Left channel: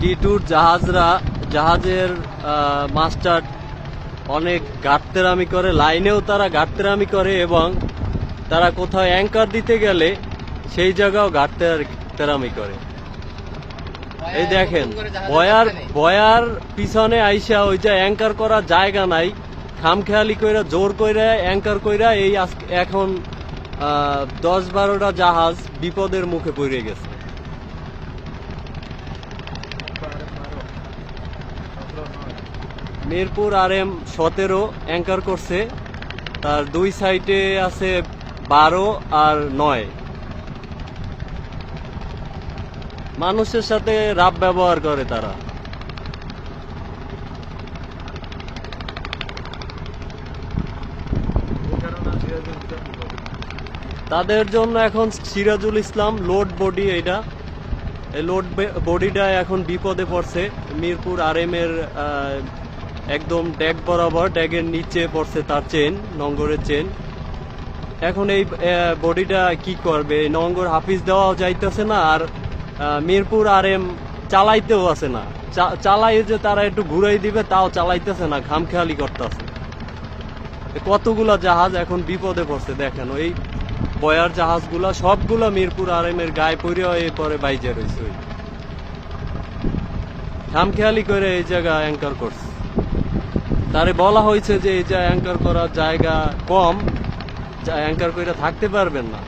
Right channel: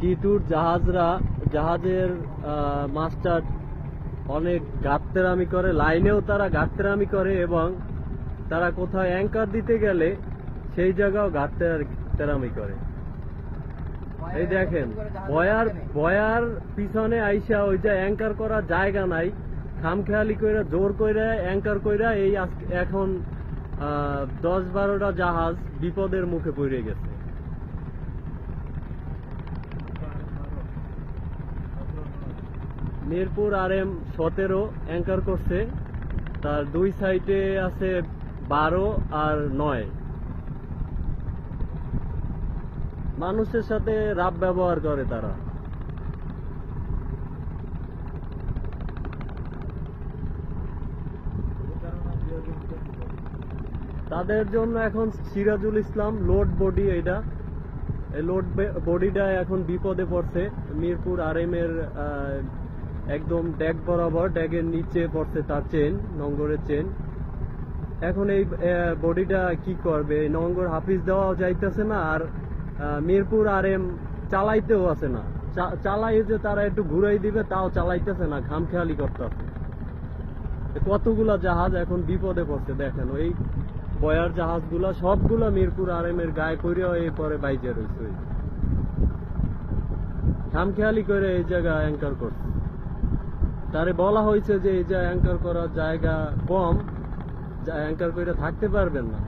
টি টুর জাহাজরা জাহাজের মাস্টার অনেক গাত্তেরামি করে, লাইনেও তারা গাত্তেরামি করে এবং তারা কোথাও অ্যাঙ্কার দিতে গেলে সেই জায়গাও গাত্তেরামি করে। এই দেখেন, বয়ার বয়ার পিছনে আইসা ওই যে অ্যাঙ্কার করা জায়গা নাই, খামখেয়ালি কইরা, জোর কইরা, অ্যাঙ্কার কইরা এই এখন দশ বারোটা জাহাজ বিপদের মুখে পড়ে গেছে। মিরপুর আর এম সতেরো অ্যাঙ্কার করছে। তার দুই সাইডে আছে বারো আর নয়। মানুষের সাথে রাব ব্যবহার করে তারা। তাদের জন্য এখন সিরাজুল ইসলাম লোড বডি এটা লোড বডিটা এখন বিপদে পড়ছে। মিরপুর আর এম এর একদম ড্যাগ বরাবর ড্যাগের নিচে পড়ছে তার চেন, নঙ্গরের চেন। এখন এই বডিটা কি করবে? নঙ্গর হাফিজ দেওয়াও যাইতেছে না আর মিরপুর আর এম চালাইতেও আছে না। চালাই যে তারা একটু ঘুরাই দিবে তাও চালাইতেছে না খামখেয়ালি করতেছে। কতগুলা জাহাজ এখন বিপদে পড়ছে দেখেন, ওই বয়ার জাহাজগুলা সবগুলা মিরপুর আর এম এর গায়ে পড়ে পরে বাইজে রয়েছে ওই। খামখেয়ালি করে এই জায়গা অ্যাঙ্কার করছে। তারে বলা হয়েছে যে এই যে অ্যাঙ্কার করার জায়গা কম অ্যাঙ্কার করে থাকতে পারবেন না।